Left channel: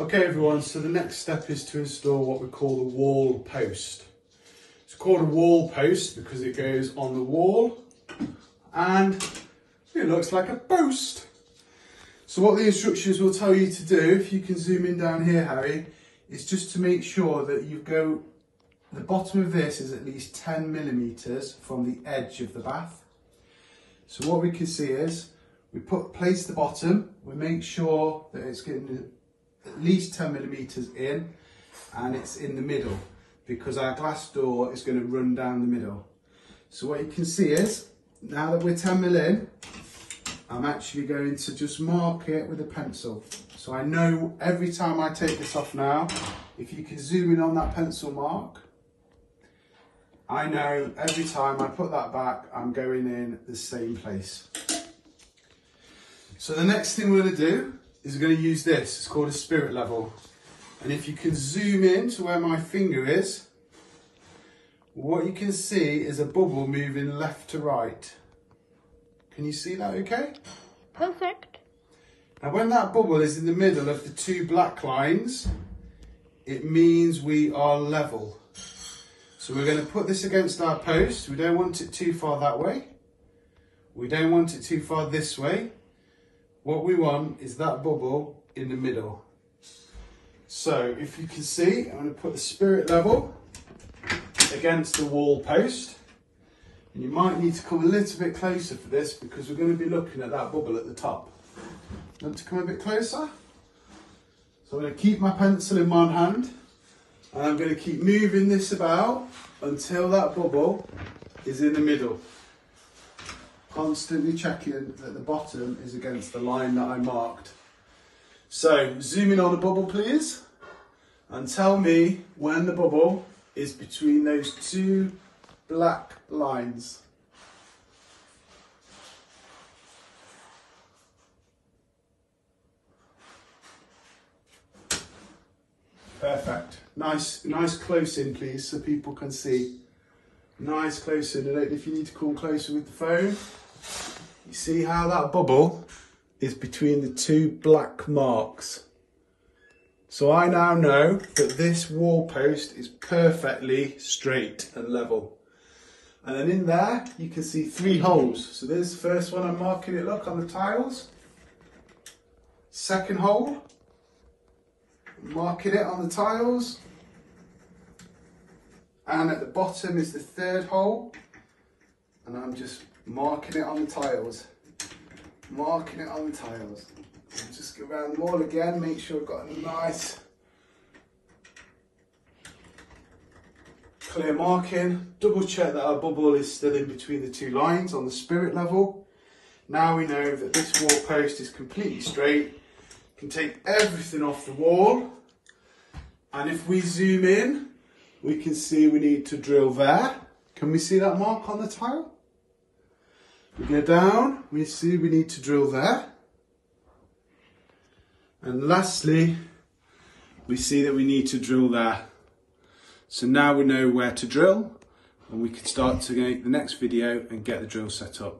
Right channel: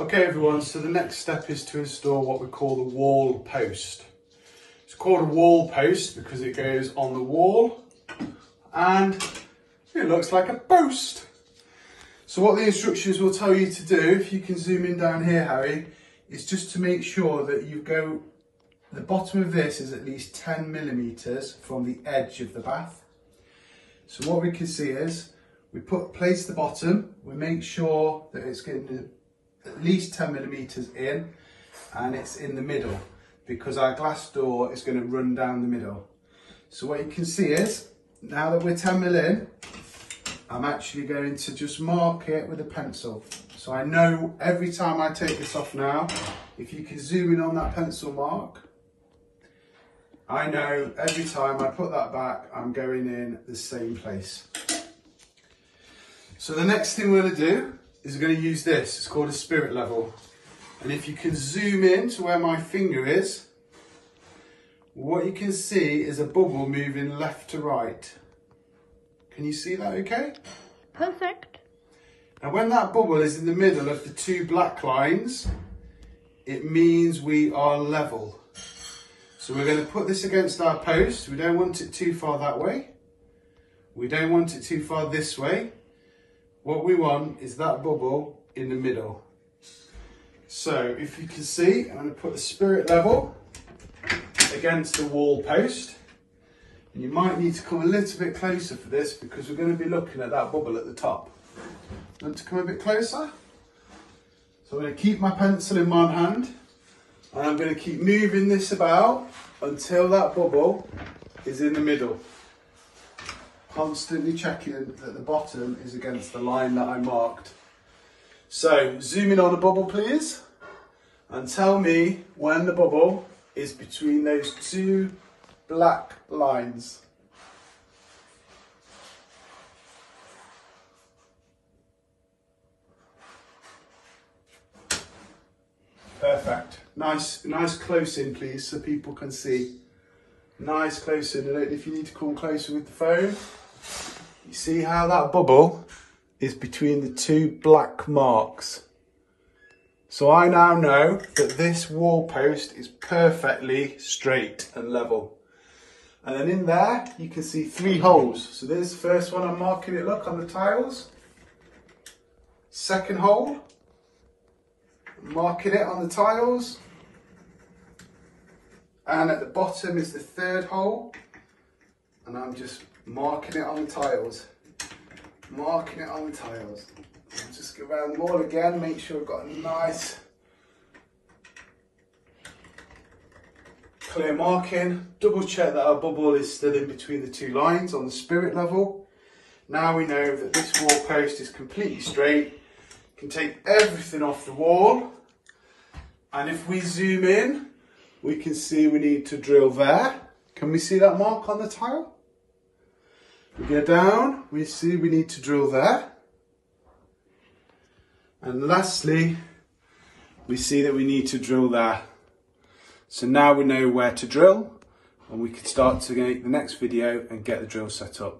Okay everyone, so the next step is to install what we call the wall post. It's called a wall post because it goes on the wall and it looks like a post. So what the instructions will tell you to do, if you can zoom in down here Harry, is just to make sure that the bottom of this is at least 10 millimeters from the edge of the bath. So what we can see is, we place the bottom, we make sure that it's getting at least 10 millimeters in and it's in the middle because our glass door is going to run down the middle. So what you can see is, now that we're 10 mil in, I'm actually going to just mark it with a pencil. So I know every time I take this off now, if you can zoom in on that pencil mark, I know every time I put that back, I'm going in the same place. So the next thing we're going to do is we're going to use this. It's called a spirit level. And if you can zoom in to where my finger is, what you can see is a bubble moving left to right. Can you see that okay? Now when that bubble is in the middle of the two black lines, it means we are level. So we're going to put this against our post. We don't want it too far that way. We don't want it too far this way. What we want is that bubble in the middle. So if you can see, I'm going to put the spirit level against the wall post. And you might need to come a little bit closer for this because we're going to be looking at that bubble at the top. Want to come a bit closer? So I'm going to keep my pencil in one hand and I'm going to keep moving this about until that bubble is in the middle. Constantly checking that the bottom is against the line that I marked. So zoom in on the bubble please and tell me when the bubble is between those two black lines. Perfect. Nice close in please so people can see. Nice close in. I don't know if you need to come closer with the phone. You see how that bubble is between the two black marks. So I now know that this wall post is perfectly straight and level. And then in there, you can see 3 holes. So there's the first one, I'm marking it, look, on the tiles. Second hole, I'm marking it on the tiles. And at the bottom is the 3rd hole. And I'm just marking it on the tiles. Marking it on the tiles. I'll just go around them all again, make sure I've got a nice clear marking. Double check that our bubble is still in between the two lines on the spirit level. Now we know that this wall post is completely straight. Can take everything off the wall. And if we zoom in, we can see we need to drill there. Can we see that mark on the tile? We go down, we see we need to drill there. And lastly, we see that we need to drill there. So now we know where to drill and we can start to make the next video and get the drill set up.